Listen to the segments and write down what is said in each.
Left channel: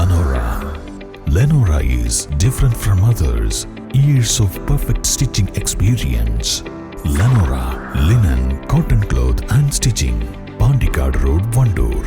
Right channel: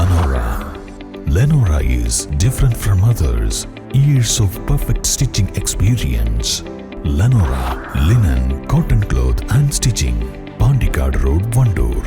Lenora. Lenora is different from others. Years of perfect stitching experience. Lenora linen, cotton cloth and stitching. Pandikad Road, Vandoor.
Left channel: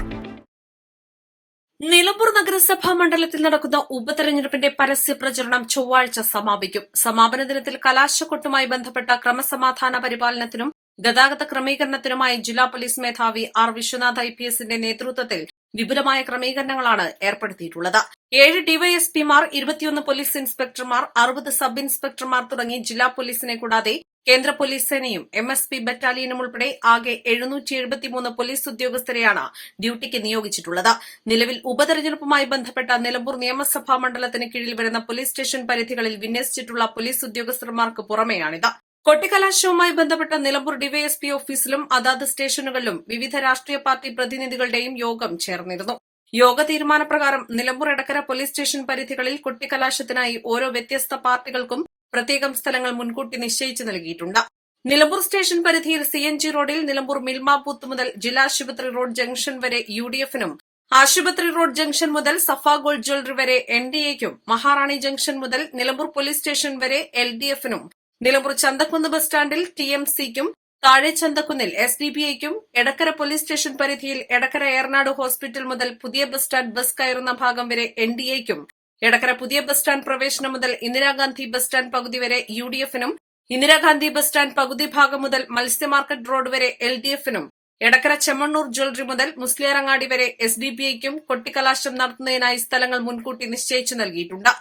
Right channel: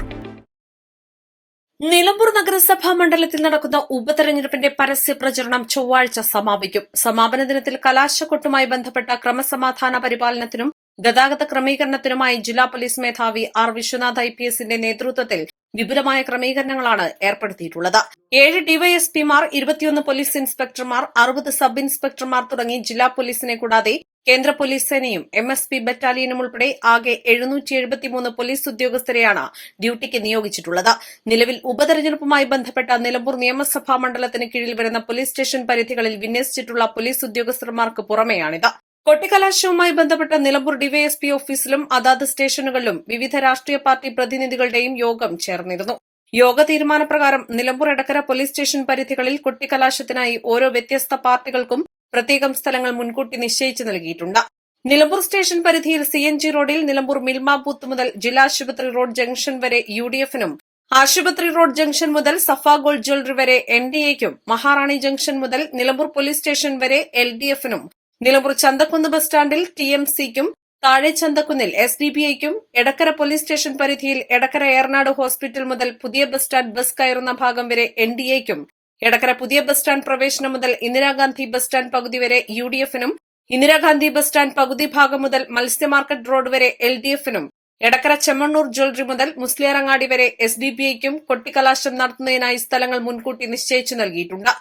Nilambur നഗരസഭാ മണ്ഡലത്തിൽ നടക്കുന്ന ഉപതെരഞ്ഞെടുപ്പിന്റെ പരസ്യ പ്രചരണം ചൊവ്വാഴ്ച സമാപിക്കും സമാപന ദിനത്തിൽ കലാശക്കൊട്ടുമായി ബന്ധപ്പെട്ട ക്രമസമാധാന പരിപാലനത്തിനും ഗതാഗത ക്രമീകരണത്തിനുമായി ജില്ലാ പോലീസ് മേധാവി ആർ വിശ്വനാഥ് ഐ പി എസിന്റെ നേതൃത്വത്തിൽ വിപുലമായ ക്രമീകരണങ്ങളാണ് ഏർപ്പെടുത്തിയിട്ടുള്ളത്. ഏഴ് ഡിവൈഎസ്പിമാർ ഇരുപത്തിയൊന്ന് പോലീസ് ഇൻസ്പെക്ടർമാർ അറുപത് സബ് ഇൻസ്പെക്ടർമാർ തുടങ്ങി ജില്ലാ പോലീസിനെ കൂടാതെ കേന്ദ്ര പോലീസ് സേനയും എം എസ് പി ബറ്റാലിയനും ഉൾപ്പെടെ ആകെ എഴുന്നൂറ്റി എഴുപത്തിമൂന്ന് പോലീസ് ഉദ്യോഗസ്ഥരെയാണ് ഡ്യൂട്ടിക്ക് നിയോഗിച്ചിട്ടുള്ളത്. നിലവിൽ ഉപതെരഞ്ഞെടുപ്പുമായി ബന്ധപ്പെട്ട നിലമ്പൂർ നിയമസഭാ മണ്ഡലത്തിന് കീഴിൽ വരുന്ന പോലീസ് സ്റ്റേഷൻ പരിധികളിൽ വിന്യസിച്ചിട്ടുള്ള പോലീസ് ഉദ്യോഗസ്ഥർമാർക്ക് പുറമെയാണിത്. കൊട്ടിക്കലാശവുമായി ബന്ധപ്പെട്ട നിലമ്പൂർ ഡിവൈഎസ്പി ഓഫീസിലും അതാത് സ്റ്റേഷനുകളിലും വിവിധ രാഷ്ട്രീയ പാർട്ടി പ്രതിനിധികളുടെയും യോഗം ചേർന്നിരുന്നു. യോഗ തീരുമാനപ്രകാരം നിലമ്പൂർ എടക്കര പോലീസ് സ്റ്റേഷൻ പരിധികളിൽ കൊട്ടിക്കലാശത്തിനായി ഓരോ വ്യത്യസ്ത പാർട്ടികൾക്കും പ്രത്യേകം സ്ഥലങ്ങൾ മുൻകൂട്ടി നിശ്ചയിച്ചു നൽകിയിട്ടുണ്ട്. നിലമ്പൂർ സ്റ്റേഷൻ പരിധിയിൽ സി എൻ ജി റോഡിൽ നിലമ്പൂർ മിൽമ ബൂത്ത് മുതൽ ജില്ലാ ആശുപത്രി റോഡ് ജംഗ്ഷൻ വരെ യു ഡി എഫിനും ആശുപത്രി റോഡ് ജംഗ്ഷൻ മുതൽ സഫാ ഗോൾഡ് ജ്വല്ലറി വരെ എൻ ഡി എക്കും മഹാറാണി ജംഗ്ഷൻ മുതൽ നിലമ്പൂർ പോലീസ് സ്റ്റേഷൻ വരെ എൽ ഡി എഫിനും നിലമ്പൂർ ചന്തക്കുന്ന് ബസ് സ്റ്റാൻഡിൽ ടി എം സിക്കും താഴെ ചന്തക്കുന്നിൽ എസ് ഡി ബി ഐക്കും എടക്കര പോലീസ് സ്റ്റേഷൻ പരിധിയിൽ എടക്കര ഏറനാട് ഹോസ്പിറ്റൽ മുതൽ പുതിയ ബസ് സ്റ്റാൻഡ് ബസ് കയറുന്ന ഭാഗം വരെ എൻ ഡി എക്കും എടക്കര പുതിയ ബസ് സ്റ്റാൻഡ് പ്രവേശനം മുതൽ ഇന്ദിരാഗാന്ധി ബസ് സ്റ്റാൻഡ് പകുതി വരെ യു ഡി എഫിനും ഇന്ദിരാഗാന്ധി ബസ് സ്റ്റാൻഡ് പകുതി ഭാഗം മുതൽ മത്സ്യ മാർക്കറ്റ് റോഡ് വരെ എൽ ഡി എഫിനും എടക്കര ചെമ്മണ്ണൂർ ജ്വല്ലറി മുതൽ മുസ്ലിയാറങ്ങാടി വരെ എസ് ഡി ബി ഐക്കും കൊട്ടിക്കലാശം നടത്തുന്നതിനായി സ്ഥലങ്ങൾ മുൻകൂട്ടി നിശ്ചയിച്ചു നൽകിയിട്ടുണ്ട്.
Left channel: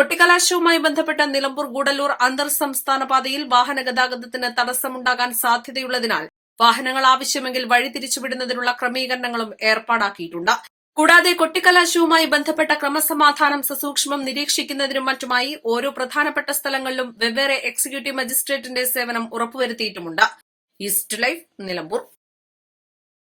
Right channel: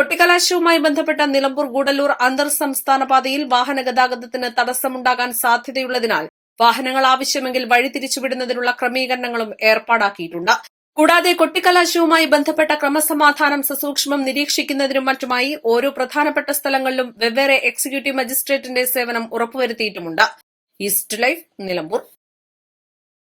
കൊട്ടിക്കലാശവുമായി ബന്ധപ്പെട്ട നിലമ്പൂർ ഗൂഡല്ലൂർ അന്തർ സംസ്ഥാന പാതയിൽ വാഹനഗതാഗതത്തിന് തടസ്സമുണ്ടാകാൻ സാധ്യതയുള്ളതിനാൽ വാഹനങ്ങൾ ആവശ്യമെങ്കിൽ വഴി തിരിച്ചുവിടുന്നതിനുള്ള ക്രമീകരണങ്ങളും ഏർപ്പാടാക്കിയിട്ടുണ്ട്. കൂടാതെ കൊട്ടിക്കലാശവുമായി ബന്ധപ്പെട്ട ക്രമസമാധാനം സസൂക്ഷ്മം നിരീക്ഷിക്കുന്നതിനും മറ്റുമായി ഓരോ പ്രധാനപ്പെട്ട സ്ഥലങ്ങളിലും വെവ്വേറെ എക്സിക്യൂട്ടീവ് മജിസ്ട്രേറ്റിന്റെ സേവനം ഉറപ്പുവരുത്തിയിട്ടുമുണ്ട്. East life Nilambur.